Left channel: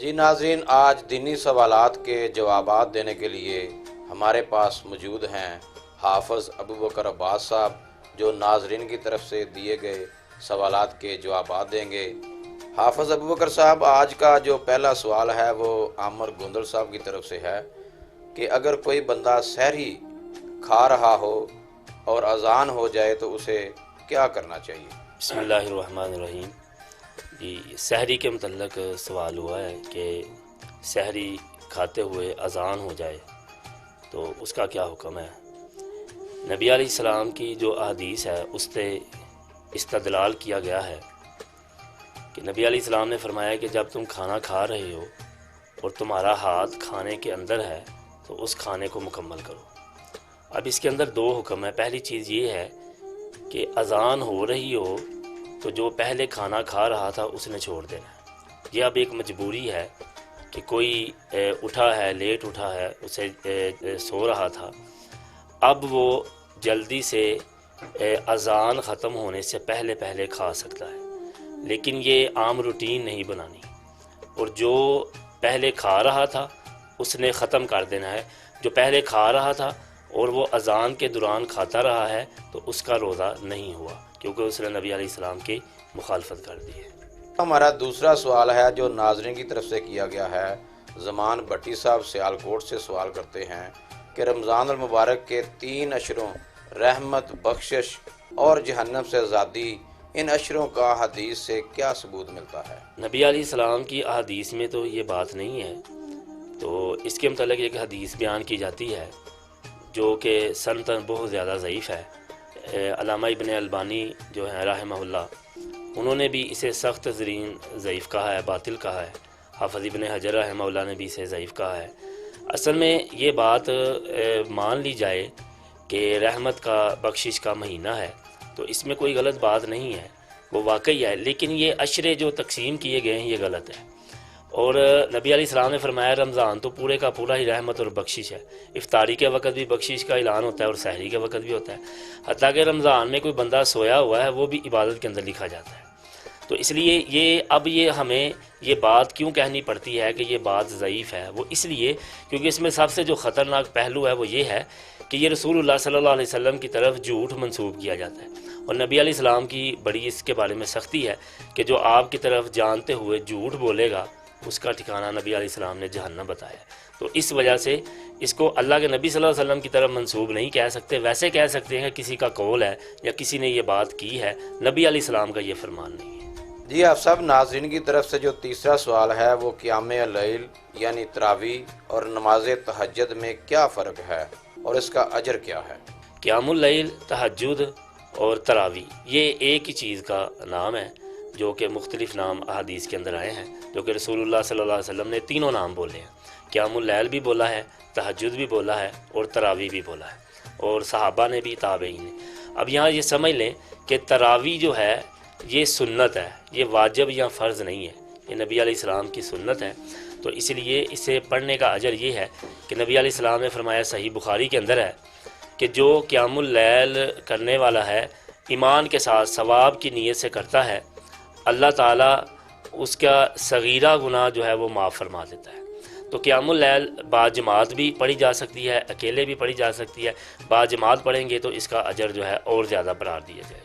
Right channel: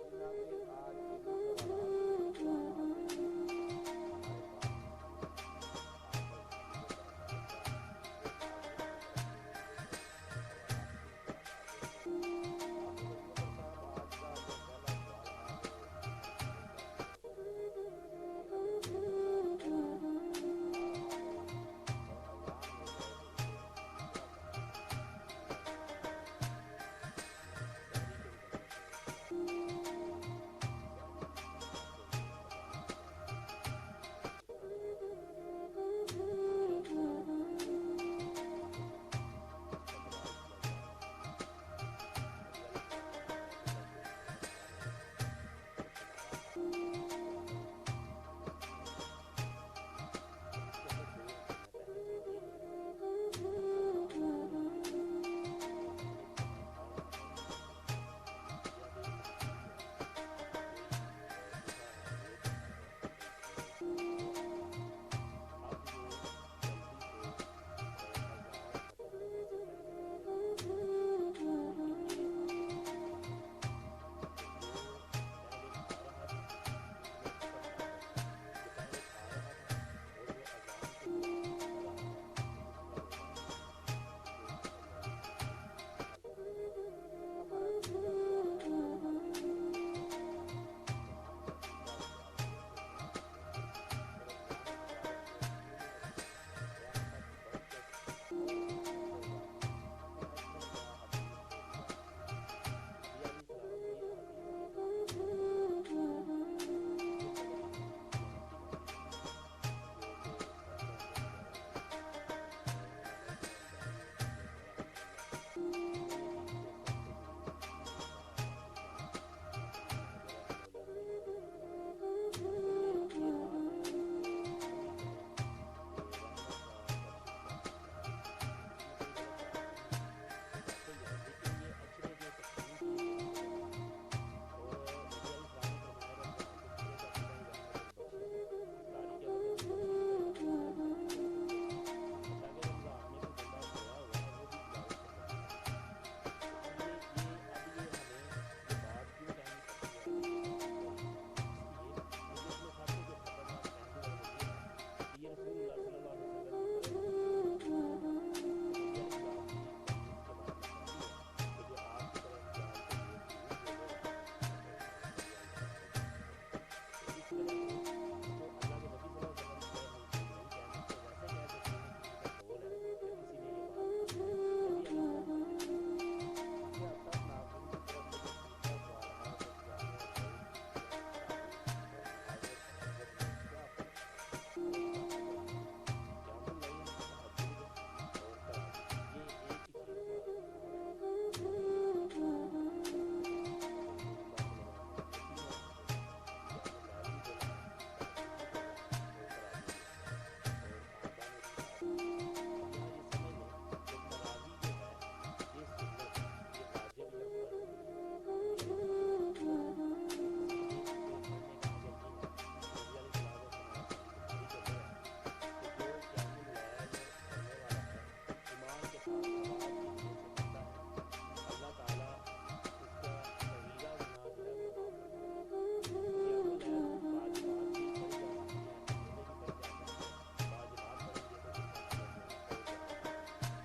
جی ناظرین، آج دینی سوالات کے جوابات دینے کے لیے ہمارے پاس موجود ہیں حافظ ابوبکر عباس صاحب، جو ناظرین کی طرف سے دیے گئے سوالات کے جوابات دیں گے۔ حافظ ابوبکر صاحب، آج کا جو پہلا سوال ہے وہ عامر گوندل صاحب کی طرف سے ہے کہ اگر کوئی بندہ سحری کھا رہا ہو اور اذان ہو جائے تو اسے کیا کرنا چاہیے؟ بسم اللہ الرحمن الرحیم۔ جی، سحری کے متعلق سوال ہوا ہے کہ سحری کھاتے ہوئے اذان ہو جائے تو اس کا کیا حکم ہے۔ نبی علیہ السلام کی جو احادیث ہے اس سے استدلال کیا گیا ہے کہ نبی علیہ السلام نے فرمایا کہ جب تم کھانا کھا رہے ہو اور تمہارا ہاتھ کھانے کے اندر ہے تو اس کھانے کو مکمل کرو۔ اب اس کے اندر دو حکم ہے۔ پہلی چیز یہ ہے کہ اذان ہو رہی ہو تو جو پہلے کھانا کھا رہا تھا اس نے چھوڑ دینا۔ یہ اب ایک مجبوری ہے کہ کوئی اٹھا ہے، لیٹ اٹھا ہے، اسے سو رہا تھا، اب وہ جلدی سے اذان ختم ہونے سے پہلے پہلے کھا سکتا ہے، لیکن یہ عام روٹین نہیں بنانی۔ اور جو پہلے کھا رہا تھا اس نے ختم کر دینا ہے۔ جو پہلے کھا رہا تھا اور وہ اذان کے دوران کھاتا رہا ہے تو اس کا روزہ نہیں ہوا، کیونکہ اس نے نبی علیہ السلام کی مخالفت کر دی ہے۔ ہمارا دوسرا سوال ہے جو ناظرین کی طرف سے کیا گیا ہے۔ زمان بٹی صاحب سیالکوٹ سے سوال کرتے ہیں کہ رمضان المبارک کے 3 اشروں رحمت، بخشش اور جہنم سے آزادی، ان اشروں کا حدیث سے کیا ثبوت ملتا ہے؟ نبی علیہ السلام کی احادیث میں تو یہ بات نہیں ہے، تو اس کے متعلق ایک حدیث بیان کی جاتی ہے جو کہ سنتاً بہت زیادہ ضعیف ہے۔ علامہ ابن البانی جو ہیں رحمہ اللہ، انہوں نے بھی اسے سخت ترین ضعیف کہا ہے، باطل کہا ہے۔ حافظ ابن حجر رحمہ اللہ نے بھی اسے ضعیف کہا ہے۔ اصل میں یہ بات مان لی جائے کہ رحمت کا، بخشش کا مہینہ ہے تو اس میں کوئی غلط بات نہیں ہے، وہ واقعی ہے، لیکن یہ عشرے جو تقسیم کیے گئے ہیں یہ غلط ہے۔ اور نبی علیہ السلام نے فرمایا رمضان تو پورے کا پورا ہی رحمت اور بخشش ہے۔ افطاری کے وقت بھی بخشش کا اعلان ہوتا ہے اور سحری کے وقت بھی ہوتا ہے، حتیٰ کہ رمضان میں کوئی بندہ سویا ہوا ہے وہ بھی عبادت کے اندر لکھا جاتا ہے۔ تو اس لیے یہ ہمیں یہ بات کیوں کہنی پڑتی ہے کہ یہ بات ضعیف ہے، وہ اس لیے کیونکہ اس میں سب سے جو خطرناک پہلو ہے وہ یہ ہے کہ یہ رسول اللہ صلی اللہ علیہ وسلم کی طرف جھوٹ منسوب کیا جاتا ہے، اور نبی علیہ السلام کی بڑی اس کے بارے میں سختی ہے کہ جو آپ کی طرف جانتے ہوئے جھوٹ بولے گا اس کا ٹھکانہ نبی علیہ السلام نے جہنم بتایا۔ تو اس وجہ سے اس کو اللہ کے نبی صلی اللہ علیہ وسلم کی طرف منسوب نہیں کہہ سکتے، ویسے کہہ سکتے ہیں کسی کا قول ہے یا کسی نے یہ بات کی ہے، نبی علیہ السلام کا یہ فرمان نہیں ہے۔ جی، آپ سب ناظرین کی طرف سے جو تیسرا سوال ہے وہ قیام اللیل یعنی تراویح اور نماز تہجد میں کیا فرق ہے اور اس کا اجر کیا ہے؟ قیام اللیل، تہجد اور تراویح یہ ایک ہی چیز کا نام ہے، جو کہ مختلف نام احادیث کے اندر آئے ہیں، جو کہ رسول اللہ صلی اللہ علیہ وسلم نے تینوں نام بولے ہیں۔ قیام اللیل بھی بولا ہے، تہجد بھی بولا ہے اور تراویح بھی بولا ہے، اور صحابہ نے بھی، تابعین نے۔ اب یہاں یہ سمجھ لیں کہ تراویح جو ہے یہ سنت ہے، یہ واجب یا فرض نہیں ہے، یہ نبی علیہ السلام کی سنت ہے، تو اس لیے اسے پڑھنے کا اجر یہ ہے کہ نبی علیہ السلام نے فرمایا، صحیح بخاری کے اندر ہے کہ جو قیام اللیل کرنے والا ہے ایمان کے ساتھ ثواب کی نیت سے کرتا ہے، اللہ تعالیٰ اس کا صغیرہ گناہ جو ہے وہ معاف فرما دیتا ہے۔ تو قیام اللیل باجماعت بھی پڑھی جا سکتی ہے، اکیلے بھی پڑھی جا سکتی ہے، باجماعت پڑھیں گے تو اس کا اجر جو ہے اور زیادہ بڑھا دیا جائے۔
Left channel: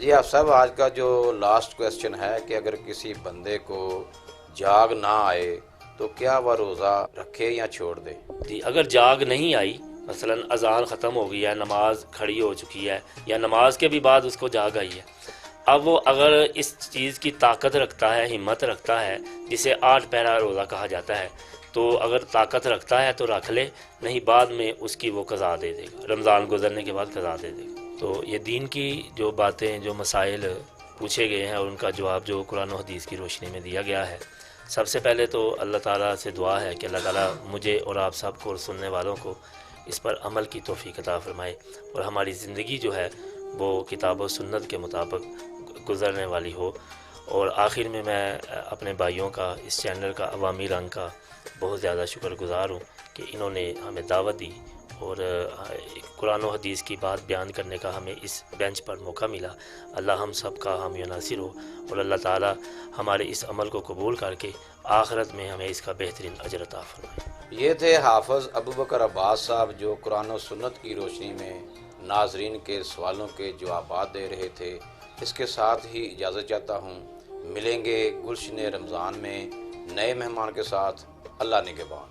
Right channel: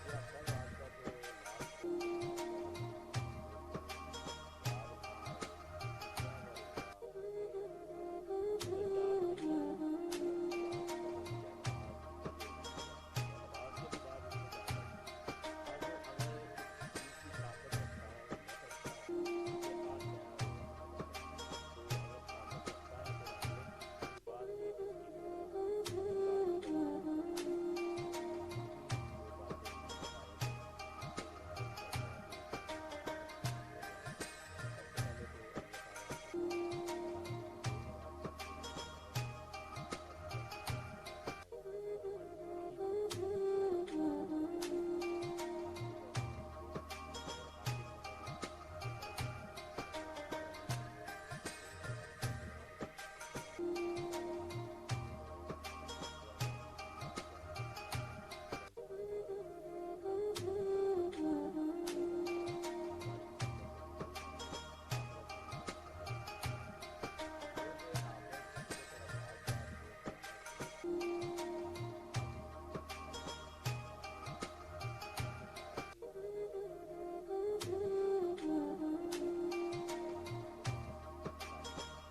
جی، آپ سب آج کا جو لاسٹ کویسچن ہے کہ اگر کسی بندے کو جاگ نہ آئے تو کیا وہ روزہ رکھے یا چھوڑ دے؟ جی، اگر جاگ نہیں آئی، مثلا اذان ختم ہو گئی ہے، نماز کھڑی ہو چکی ہے، یا نماز کے بھی بعد اس کو جاگ آئی ہے، اب وہ اگر اس چیز کی طاقت رکھتا ہے، ہمت رکھتا ہے، جسے 8 پہرہ روزہ کہا جاتا ہے، تو اگر طاقت رکھتا ہے تو رکھ لے، نہیں بعد میں اس کی وہ قضا دے دے گا، رمضان گزرنے کے بعد قضا دے دے گا۔ تو یہ دین کی جو باتیں، جو مسائل پوچھے گئے ہیں اور ان کا جواب جو قرآن و حدیث کی روشنی میں دیا گیا ہے، سب سے پہلے تو اللہ تعالیٰ سے دعا ہے کہ اللہ تعالیٰ مجھے اور آپ سب کو اور سننے والوں کو اس پر عمل کی توفیق عطا فرمائے، اور ہماری زندگی جو ہے وہ کتاب و سنت کے مطابق گزرنے والی ہو، اور آخر میں اپنے بھائیوں کا، اس چینل کا، عوامی رنگ کا بہت زیادہ شکر گزار ہوں کہ انہوں نے ہمیں دعوت دی اور قرآن و حدیث کی بات بیان کرنے کا ہمیں اس بینچ پر موقع ملا۔ اللہ ہم سب کا حامی و ناصر ہو، اور اللہ تعالی ہمارے اس عمل کو قبول کر کے آخرت میں ہمیں اس کا بہترین اجر عطا فرمائے۔ یہ تھے حافظ ابوبکر عباس صاحب، جو قرآن و سنت کی روشنی میں ناظرین کے سوالوں کے جوابات دے رہے تھے۔ اس کے ساتھ ہی اجازت چاہتا ہوں، ملیں گے گلشن رمضان میں نئے مہمان کے ساتھ۔ اللہ نگہبان۔